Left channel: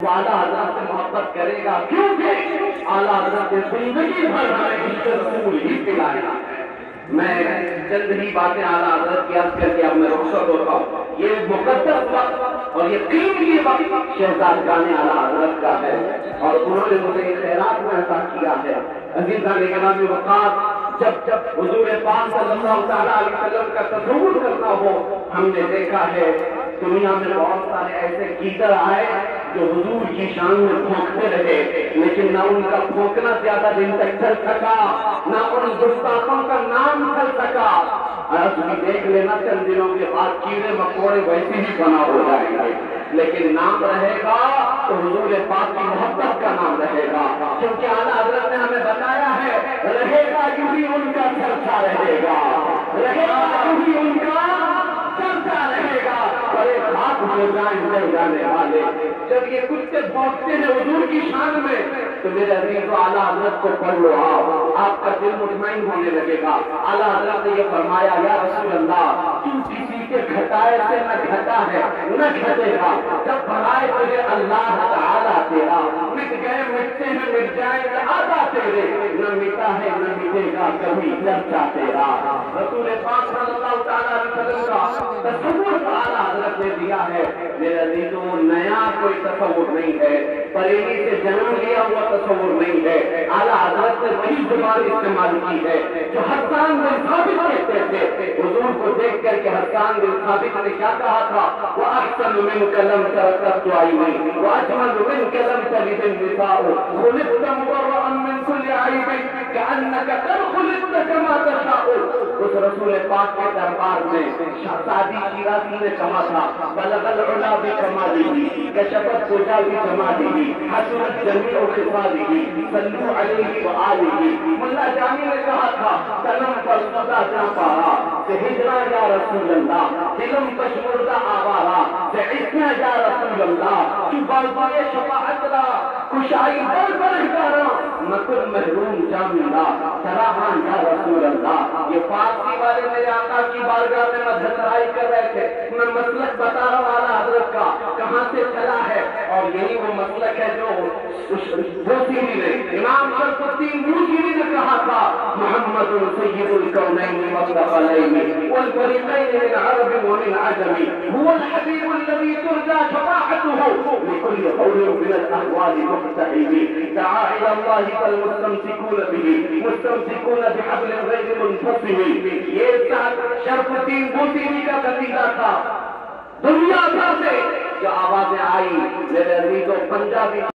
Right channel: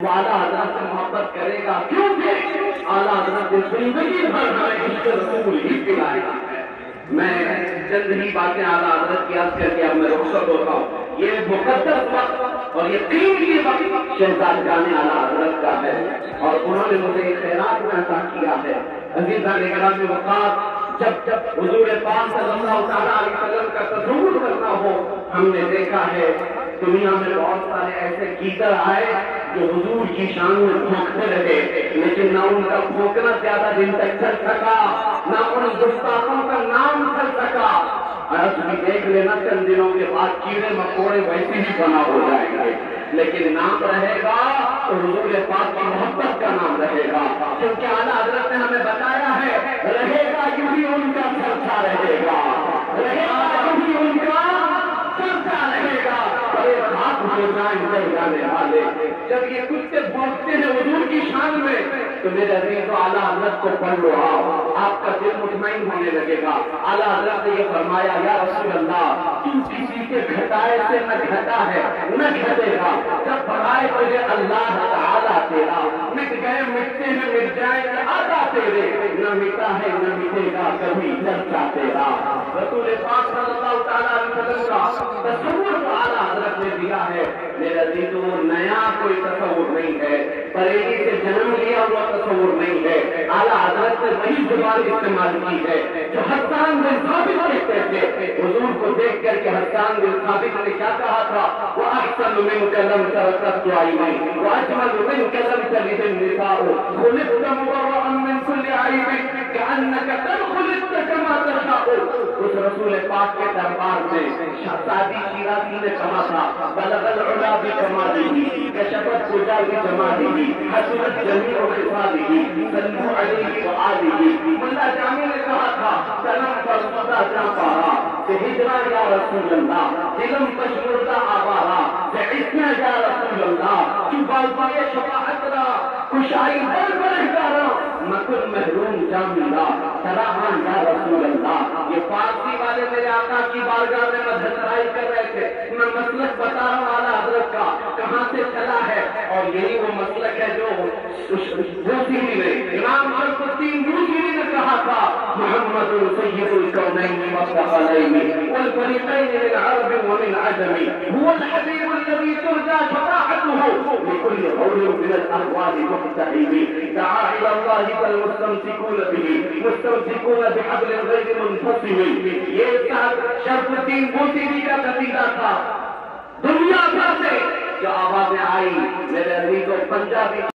اعلیٰ حضرت سے محبت کرے گا کیونکہ اعلیٰ حضرت زندگی بھر ہمیں عشق رسول ہی پلایا ہے۔ میں چند ہی باتیں اعلیٰ حضرت کی عرض کر کے اب میں رخصت ہوتا ہوں۔ یہ مقدس وقت اور یہ قیمتی وقت شہزادگان اعلیٰ حضرت کا ہے اور انہوں نے مجھے یہ خیرات میں عطا کیا ہے۔ عزیزان اکرام وقات جب حضور پاک صلی اللہ تعالیٰ علیہ وسلم کا تصور کرنا ہو، ہم نے دیکھا ہے دنیا میں بہت سارے ایسے گیتر آئے جو حضور کی شان میں پھونکتے رہے، لیکن نہ ان کا پھونکنا زیادہ دن تک چل سکا، نہ ان گستاخوں کا نام چل سکا۔ آج بھی دیکھ لینا چند دنوں کے بعد کیڑے مکوڑے ویسے ہی بنا ہو جائیں گے، لیکن نام رہے گا تو حضور پاک کی محبت کا نام رہے گا، کیونکہ اعلیٰ حضرت نے ہمیں بتایا ہے رہے گا یوں ہی ان کا چرچا رہے گا، رہے گا یوں ہی ان کا چرچا رہے گا۔ بڑے بات ہو جائیں جب جانے والے جب یہ کتے بھونکتے ہیں حضور کی شان میں تو میرے عزیز و اعلیٰ حضرت کو پڑھ لو، آپ کا دل مطمئن ہونے لگے گا۔ اعلیٰ حضرت نے یہ فرمایا یا رسول اللہ تو کسی کے گھٹائے سے نہ گھٹا ہے نہ گھٹے گا، جب بڑھائے تجھے اللہ تعالیٰ تیرا، مٹ گئے مٹتے ہیں مٹ جائے گا آدھا تیرے، نہ مٹا ہے نہ مٹے گا کبھی چرچا تیرا۔ رسول پاک صلی اللہ تعالیٰ علیہ وسلم کا تصور اعلیٰ حضرت نے دیا ہے۔ میرے عزیزوں نیا کوئی تصور نہیں ہے، بریلی سے جنم لیا ہوا تصور نہیں ہے۔ اعلیٰ حضرت نے وہی زبان استعمال کی ہے جو حسان بن ثابت کہتے تھے۔ حضور کو دیکھ کر کے حسان بن ثابت نے کیا کہا تھا؟ وَأَحْسَنُ مِنْكَ لَمْ تَرَكَّتْ عَيْنِي وَأَجْمَلُ مِنْكَ لَمْ تَلِدِ النِّسَاءُ خُلِقْتَ مُبَرَّأً مِنْ كُلِّ عَيْبٍ كَأَنَّكَ قَدْ خُلِقْتَ كَمَا تَشَاءُ۔ اس رسول پاک کے دربار میں شہزادی شیرازی نے کہا تھا بلغ العلا بکمالہ کشفت الدجى بجمالہ حسنت جمیع خصالہ صلوا علیہ وآلہ۔ ملا جامی نے کہا تھا سلم فرسودہ جا پارا کہ ہجرا یا رسول اللہ دلم کشمردہ آوارا کہ عثنا یا رسول اللہ کی بالبائے شفاعت را کشائی بل بل کارا نکل محروم جامینا سراحان یا رسول اللہ۔ یہ فارسی والے میرے آقا کی بارگاہ میں مدھرائی کر رہے تھے، میں مسلک بتا رہا ہوں اعلیٰ حضرت کا کہاں سے چلا ہے، اور یہی وہ مسلک ہے جو بوسیری نے امام شرف الدین بوسیری نے کہا تھا محمد سید الکونین والثقلین والفریقین من عرب ومن عجم هو الحبیب الذی ترجى شفاعته لكل قول من الاحوال مقتحم دعا الى الله فالمستمسكون به مستمسكون بحبل غیر منفصم۔ یہ شرف الدین بوسیری کا قصیدہ تھا۔ دنیا بھر سے جو آوازیں آئی میرے عزیزوں پنجابی